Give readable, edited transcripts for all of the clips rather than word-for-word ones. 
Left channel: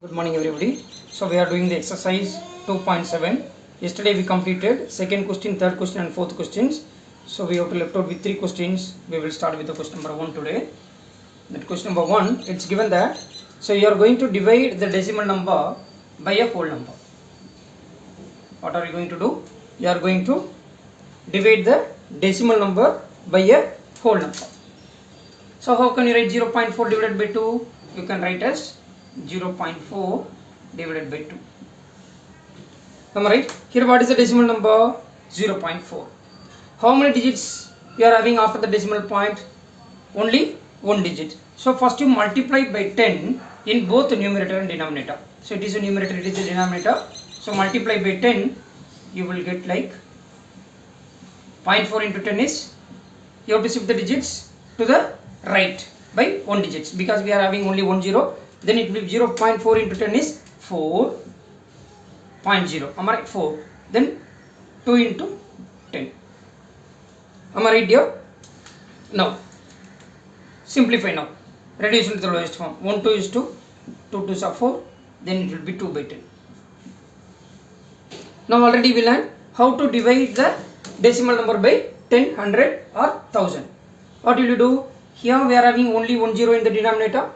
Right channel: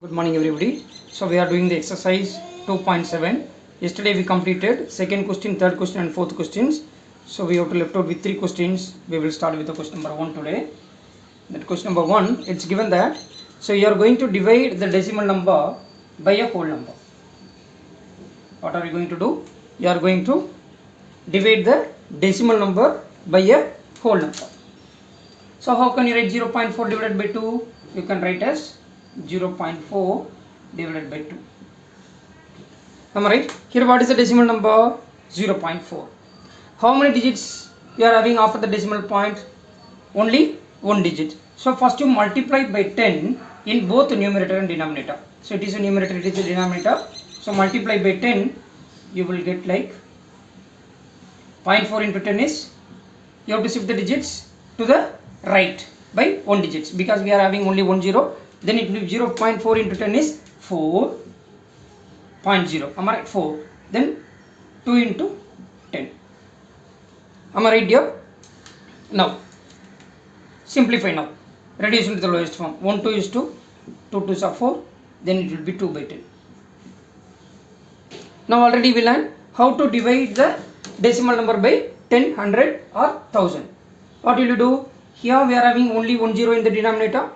Good morning everybody. So we are doing the exercise 2.7. Yesterday we completed second question, third question and fourth questions. So we have to left out with three questions. We will start with the question number 1 today. That question number 1, it's given that so you are going to divide the decimal number by a whole number. What are you going to do? You are going to divide the decimal number by a whole number. So how can you write 0.4 divided by 2? You can write as 0.4 divided by 2. Am I right? Here what is the decimal number? 0.4. How many digits you are having after the decimal point? Only one digit. So first you multiply by 10 in both numerator and denominator. So it is a numerator, it is a denominator. So multiply by 10, you will get like 0.4 into 10 is, you have to shift the digits to the right by 1 digits because we are having only 1 0. Then it will be 0.4 into 10 is 4.0. Am I right? 4. Then 2 into 10. Am I right here? Now simplify now. Reduce into the lowest form. 1 2 is 2. 2 2s are 4. Then it will be 2 by 10. Now already we learned how to divide the decimal number by 10, 100 or 1000. What will you do? Here we are having only 1 0 in the denominator.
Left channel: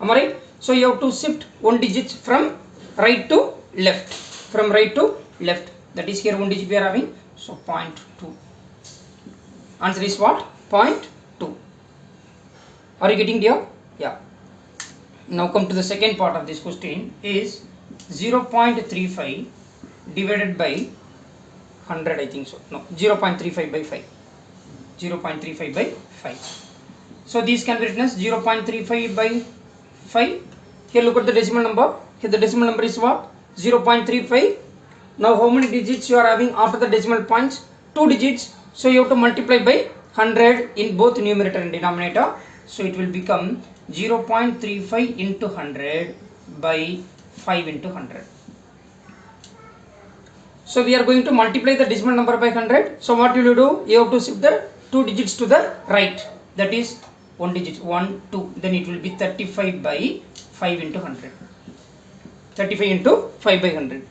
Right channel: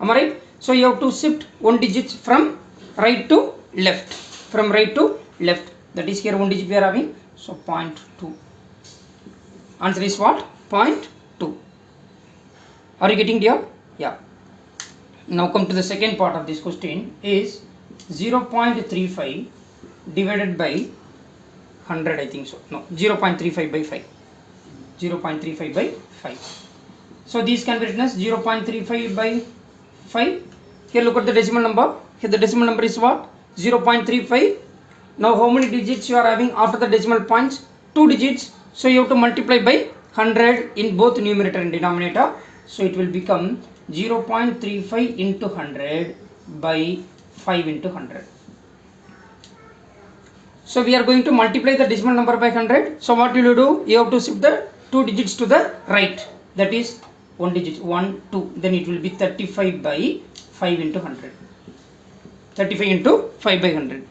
Am I right? So you have to shift one digit from right to left. From right to left. That is here one digit we are having. So 0.2. Answer is what? 0.2. Are you getting here? Yeah. Now come to the second part of this question is 0.35 divided by 100, I think so. No, 0.35 by 5. 0.35 by 5. So these can be written as 0.35 by 5. Here look at the decimal number. Here the decimal number is what? 0.35. Now how many digits you are having after the decimal points? 2 digits. So you have to multiply by 100 in both numerator and denominator. So it will become 0.35 into 100 by 5 into 100. So we are going to multiply the decimal number by 100. So what will you do? You have to shift the 2 digits to the right. That is 1 digit, 1, 2. Then it will be 35 by 5 into 100. 35 into 5 by 100.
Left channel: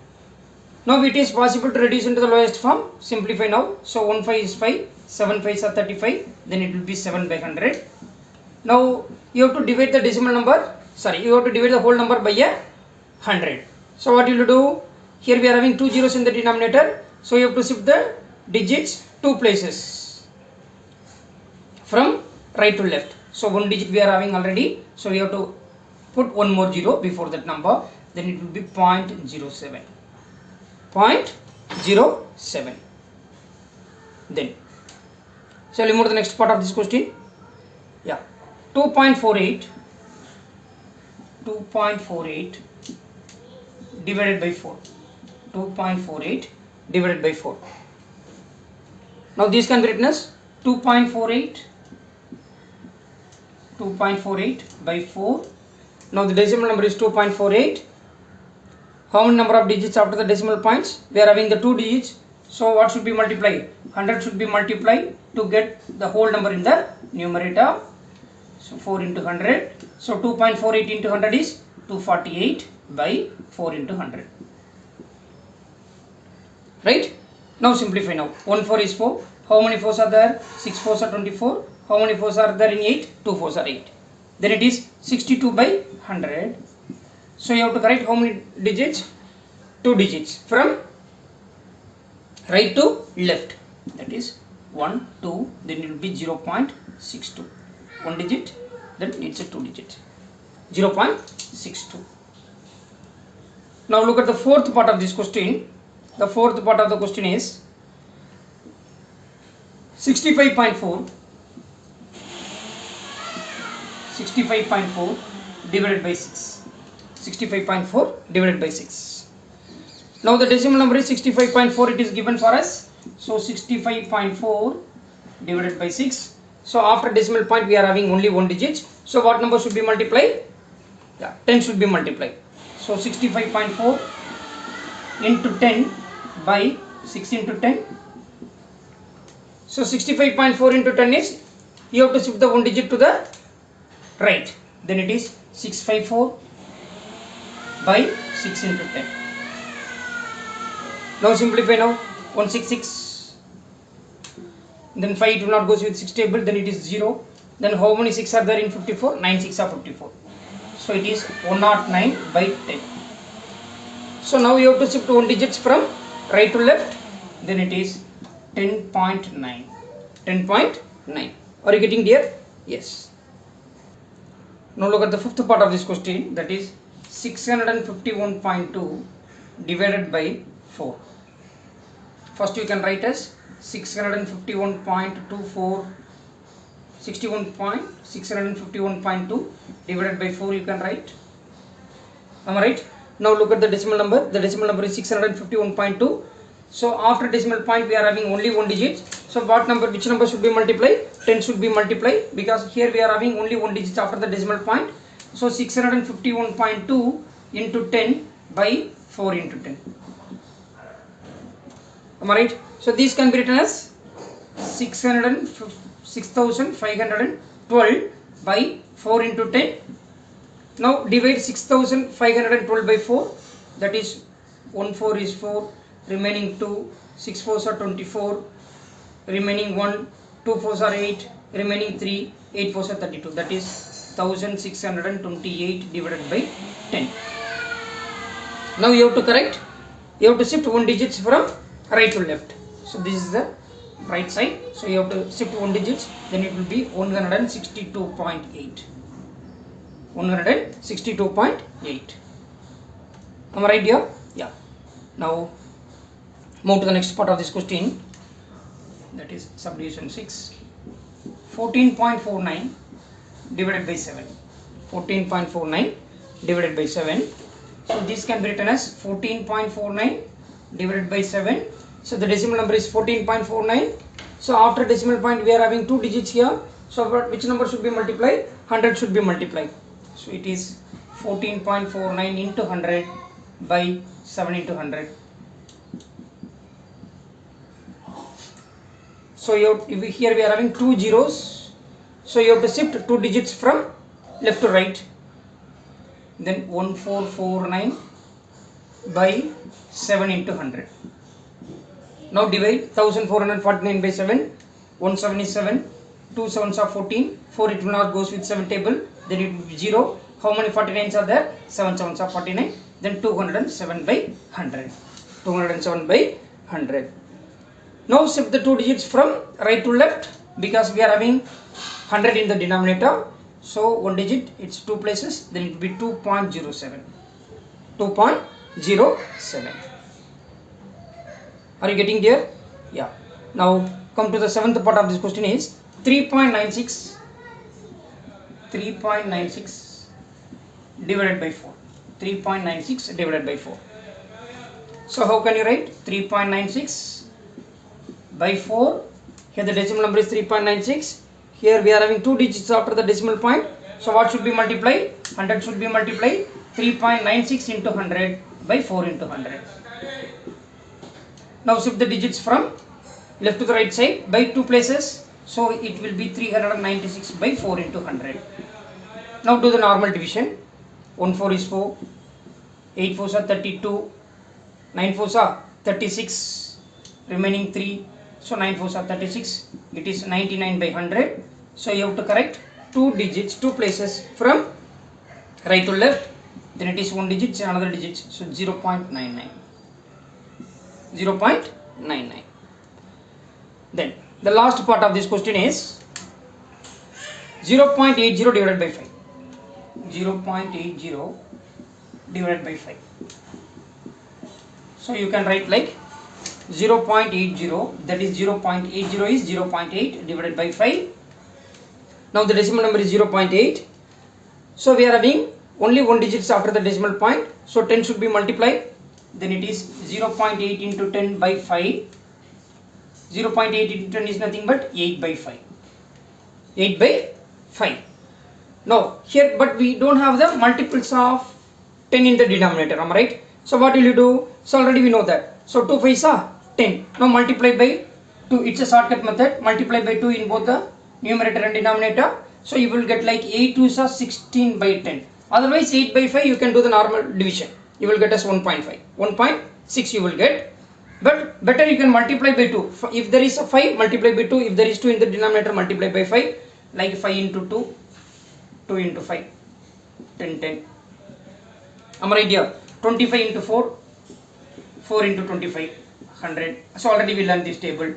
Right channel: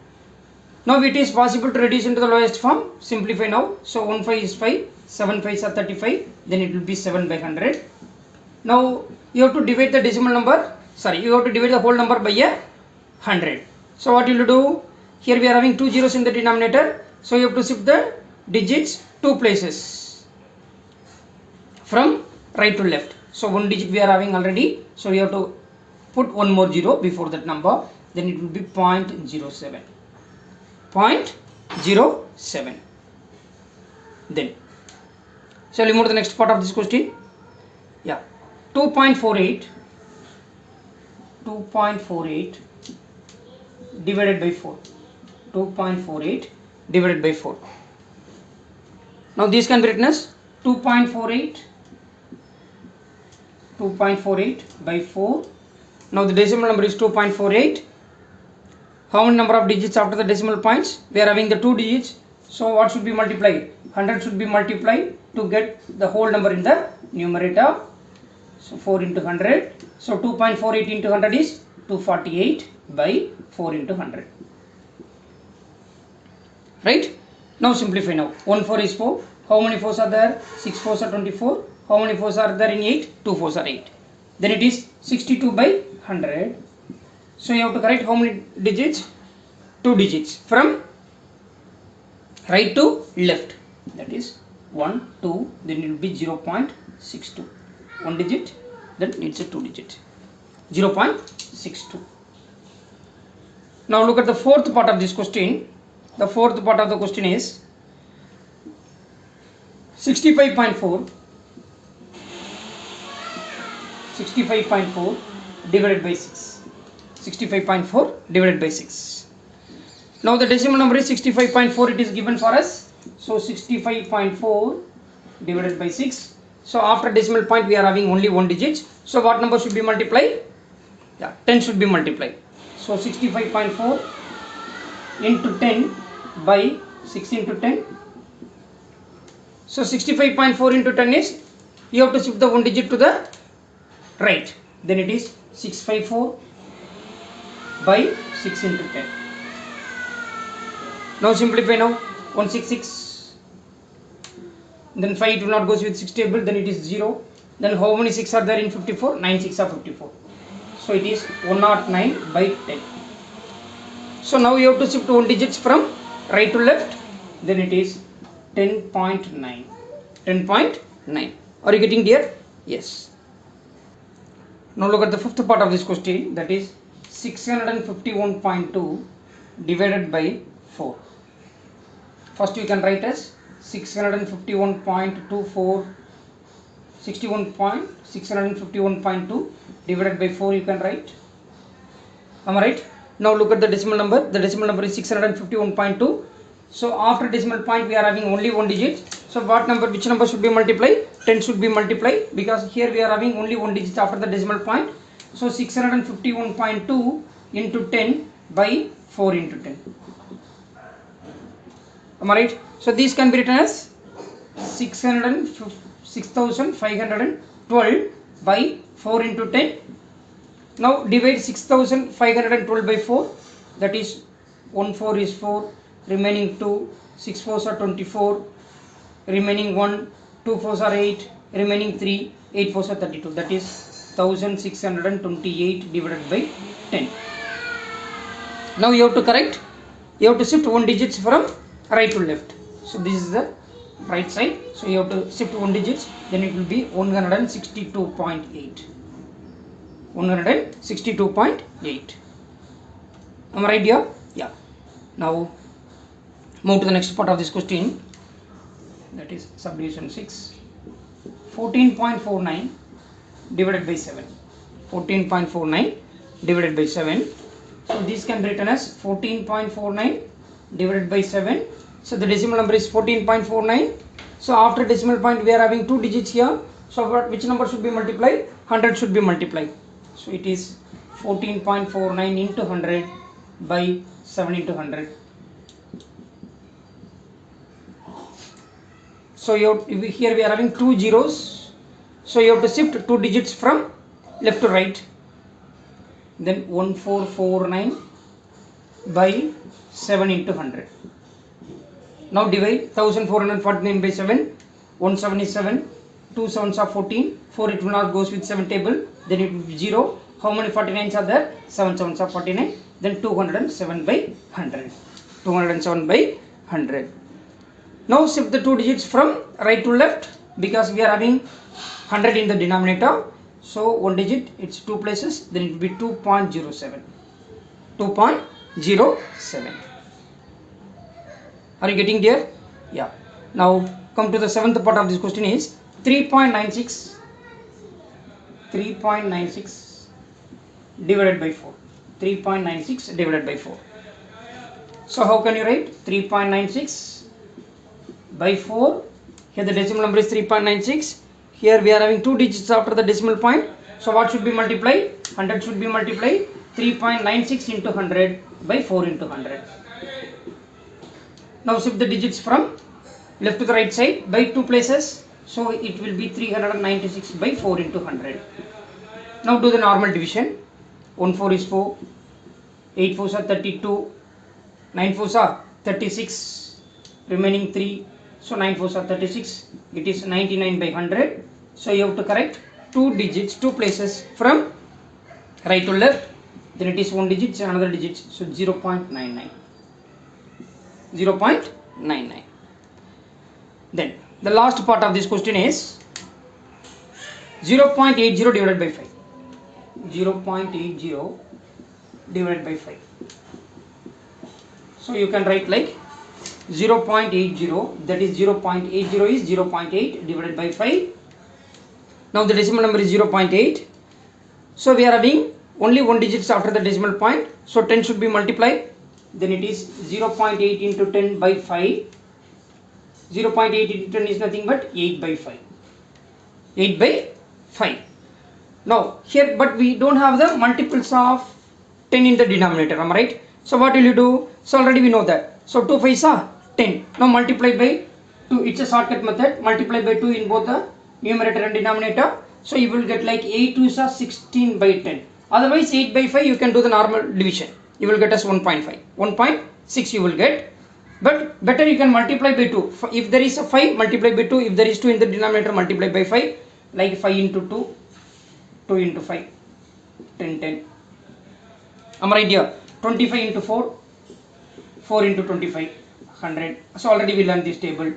Now it is possible to reduce into the lowest form. Simplify now. So 1 5 is 5. 7 5s are 35. Then it will be 7 by 100. Now you have to divide the decimal number. Sorry, you have to divide the whole number by a 100. So what will you do? Here we are having 2 zeros in the denominator. So you have to shift the digits 2 places from right to left. So one digit we are having already. So you have to put one more 0 before that number. Then it will be 0.07. 0.07. Then. Shall we move to the next part of this question? Yeah. 2.48. 2.48 divided by 4. 2.48 divided by 4. Now these can be written as 2.48 by 4. Now the decimal number is 2.48. How many number of digits after the decimal points? We are having the 2 digits. So what should be multiplied? 100 should be multiplied to get the whole number in the numerator. So 4 into 100. So 2.48 into 100 is 248 by 4 into 100. Right? Now simplify now. 1 4 is 4. How many 4s are there? 6 4s are 24. How many 4s are there in 8? 2 4s are 8. Then it is 62 by 100. So you have to correct how many digits? 2 digits from right to left. That is 1, 2. Then it will be 0.62. 1 digit. Then it's a 2 digit. 0.62. Now look at the fourth part of this question. The fourth part of the question is 65.4 divided by 6. 65.4 divided by 6. Now the decimal number is 65.4. It is given for us. So 65.4 divided by 6. So after decimal point we are having only 1 digit. So what number should be multiplied? Yeah, 10 should be multiplied. So 65.4 into 10 by 6 into 10. So 65.4 into 10 is, you have to shift the 1 digit to the right. Then it is 654 by 6 into 10. Now simplify now. 166. Then 5 will not goes with 6 table. Then it is 0. Then how many 6 are there in 54? 9 6 are 54. So it is 109 by 10. So now you have to shift 1 digits from right to left. Then it is 10.9. 10.9. Are you getting there? Yes. Now look at the fifth part of this question, that is 651.2 divided by 4. First you can write as 651.24 651.2 divided by 4 you can write. Am I right? Now look at the decimal number. The decimal number is 651.2. So after decimal point we are having only one digit. So which number should be multiplied? 10 should be multiplied, because here we are having only one digit after the decimal point. So 651.2 into 10 by 4 into 10. Am I right? So these can be written as 6,512 by 4 into 10. Now divide 6,512 by 4. That is 1 4 is 4. Remaining 2, 6 4s are 24, remaining 1, 2 4s are 8, remaining 3, 8 4s are 32. That is 1628 divided by 10. Now you have to correct, you have to shift 1 digits from right to left. So this is the right side. So you have to shift 1 digits, then it will be 162.8. 162.8. Am I right here? Yeah. Now move to the next part of this question, that is subdivision 6. 14.49 divided by 7. 14.49 divided by 7. So this can be written as 14.49 divided by 7. So the decimal number is 14.49. So after decimal point we are having 2 digits here. So which number should be multiplied? 100 should be multiplied. So it is 14.49 into 100 by 7 into 100. So here we are having 2 zeros. So you have to shift 2 digits from left to right. Then 1449 by 7 into 100. Now divide 1449 by 7. 1 7 is 7. 2 7s are 14. 4 it will not goes with 7 table. Then it will be 0. How many 49s are there? 7 7s are 49. Then 207 by 100. 207 by 100. Now shift the 2 digits from right to left, because we are having 100 in the denominator. So 1 digit, it's 2 places, then it will be 2.07. 2.07. Are you getting there? Yeah. Now come to the 7th part of this question is 3.96 divided by 4. 3.96 divided by 4. So how can you write 3.96 by 4? Here the decimal number is 3.96. Here we are having 2 digits after the decimal point. So what should be multiplied? 100 should be multiplied. 3.96 into 100 by 4 into 100. Now shift the digits from left to the right side by 2 places. So it will be 396 by 4 into 100. Now do the normal division. 1 4 is 4. 8 4s are 32. 9 4s are 36. Remaining 3. So 9 4s are 36. It is 99 by 100. So you have to correct 2 digits, 2 places from right to left. Then it is 1 digit, another digit. So 0.99. 0.99. Then the last part of this question is 0.80 divided by 5. 0.80 divided by 5. So you can write like 0.80, that is 0.80 is 0.8 divided by 5. Now the decimal number is 0.8. So we are having only 1 digits after the decimal point. So 10 should be multiplied. Then it is 0.8 into 10 by 5. 0.8 into 10 is nothing but 8 by 5. 8 by 5. Now here, but we don't have the multiples of 10 in the denominator, am I right? So what will you do? So already we know that. So 2 5s are 10. Now multiply by 2. It's a shortcut method. Multiply by 2 in both the numerator and denominator. So you will get like 8 2s are 16 by 10. Otherwise 8 by 5 you can do the normal division. You will get as 1.5. 1.6 you will get. But better you can multiply by 2. If there is a 5, multiply by 2. If there is 2 in the denominator, multiply by 5. Like 5 into 2, 2 into 5, 10, 10. Am I right here? 25 into 4, 4 into 25, 100. So already we learned this table.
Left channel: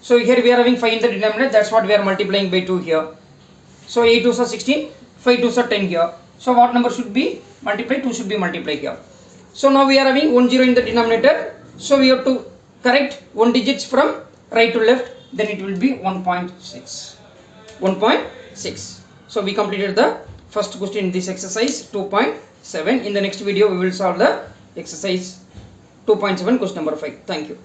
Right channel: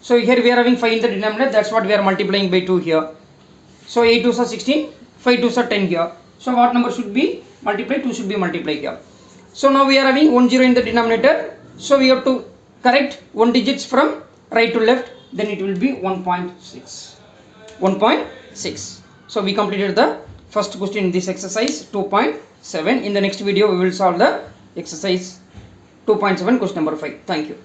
So here we are having 5 in the denominator. That's what we are multiplying by 2 here. So 8 2s are 16, 5 2s are 10 here. So what number should be multiplied? 2 should be multiplied here. So now we are having 1 0 in the denominator. So we have to correct 1 digits from right to left. Then it will be 1.6. 1.6. So we completed the first question in this exercise 2.7. In the next video we will solve the exercise 2.7 question number 5. Thank you.